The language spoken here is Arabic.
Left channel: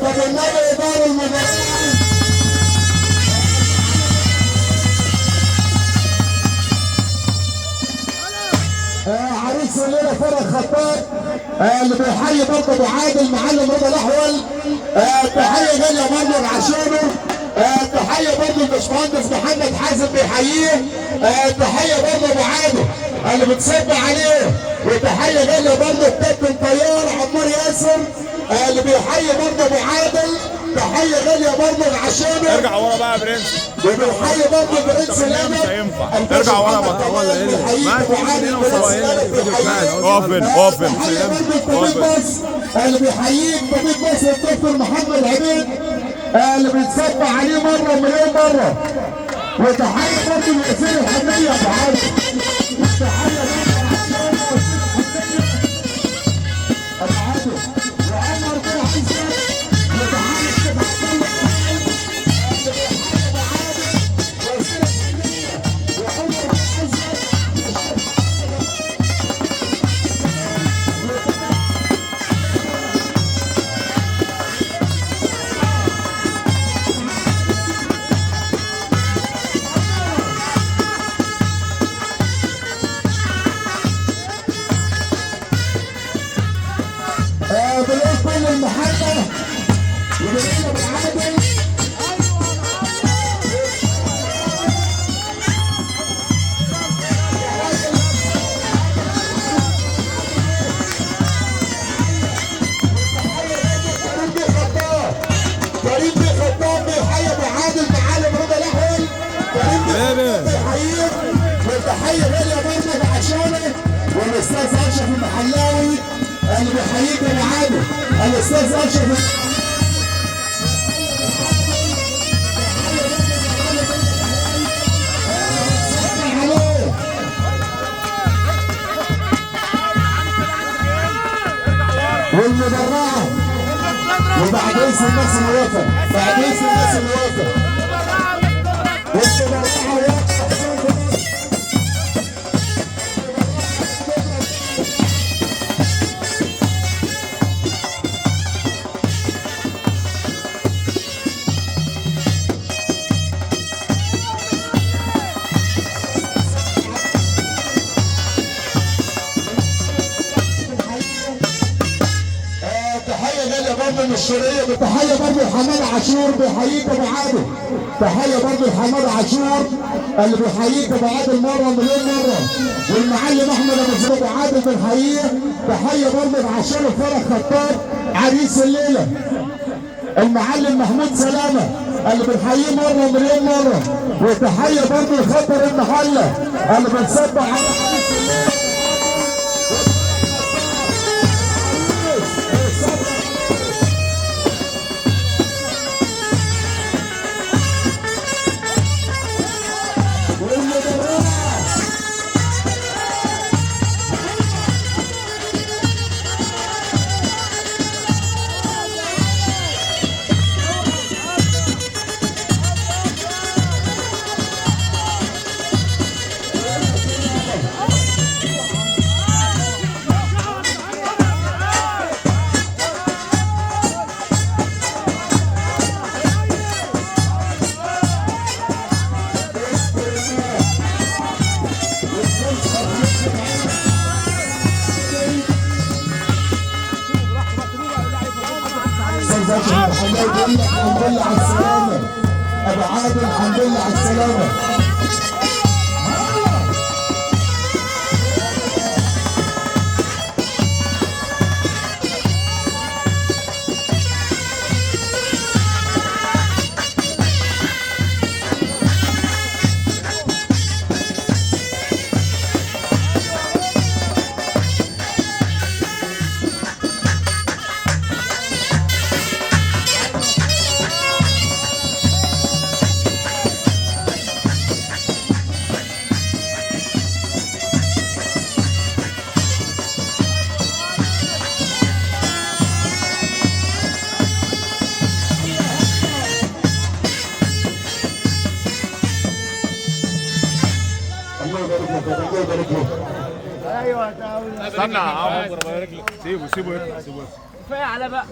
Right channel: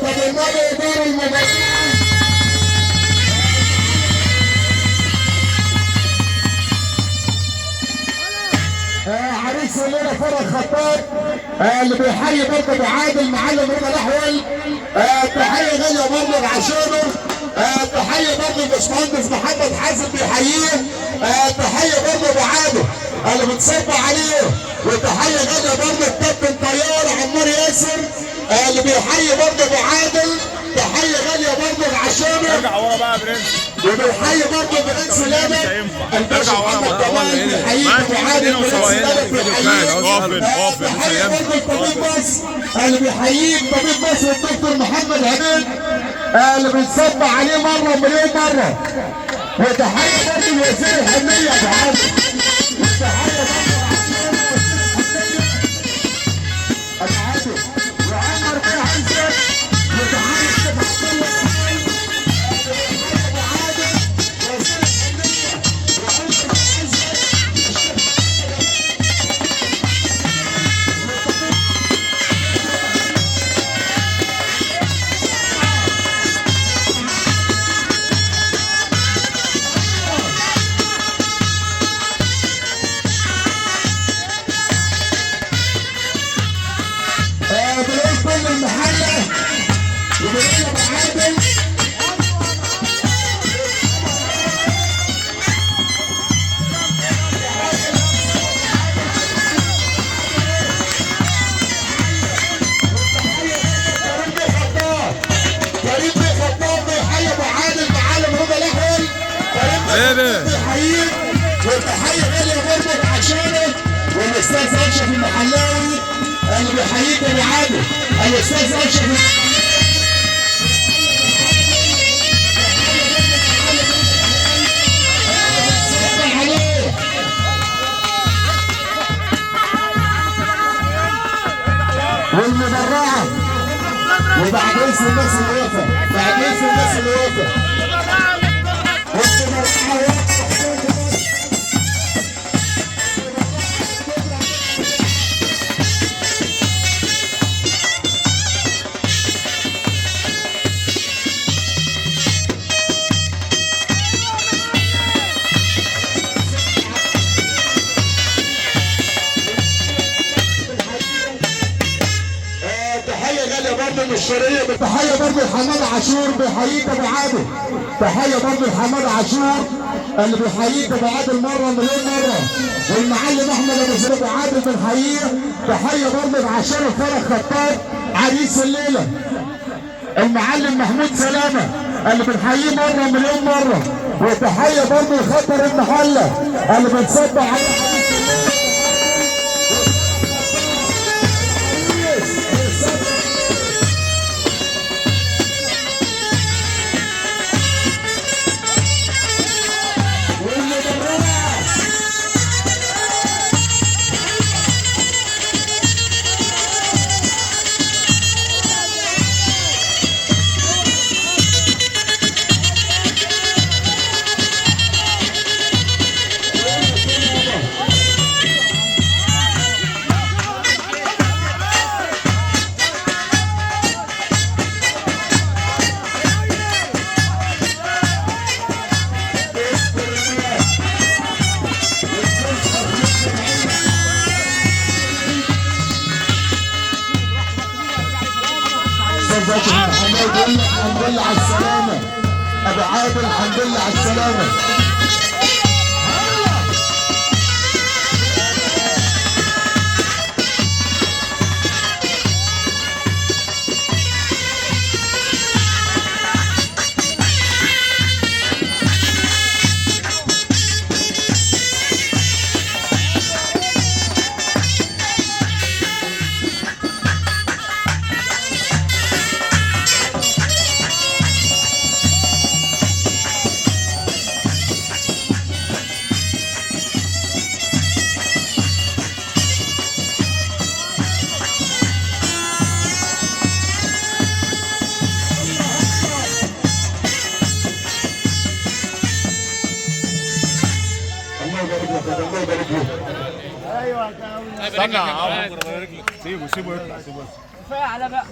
طب النبي دار المباراة عريس الليله فرج خطاب اللي بيحيي برضه بيعادل معلم رضا الاحول. تحيه غاليه برضه لعشانه. تحيه برضه الباشمهندس محمد حازم بيحييه. تحيه برضه بعاده اللي بتصب عليه. وتحيه غاليه برضه الكابتن طيار عمار ياسر اللي بيحيي برضه بعادل. تحيه غاليه برضه لعشانه. ارجع ورا بقى يا برنس. وبيحيي برضه برنس لامر الباشا محمد كمال بيحييك وعادل برنس لامر بيحييك. تحيه برضه طبيب مصر اللي بيحييك طبيب مصر الدكتور محمد عبيد اللي بيتصب عليه مره مليون مره. وتحيه برضه لياسر الحنيه بعادل. تحيه وتحيه غاليه برضه لعشانه والاستاذ اشرف المحلاوي اللي بيحييك يا عادل. الاستاذ اشرف والمدرعه. وبعد اسم الناس اللي واقفه بعد اسم الناس اللي واقفه الشرقية. تحية برضه لحمادة عاشور بيحييك ابو عادل. تحية برضه لحمادة عاشور اللي بيحييك ابو عادل مرة مليون مرة. والمعلم احمد ابو زيد ابو عادل بنحييه. تحية برضه لعشان فرج خطاب عريس الليلة. المعلم محمود سلامة اللي بنحييه مرة مليون مرة. وتحية برضه لخطر المحلة اللي بنصب عليه. الحمد لله على السلامة أبو عادل. الحمد لله على السلامة. ايوه سيبه يطلع. كفايه على بقى.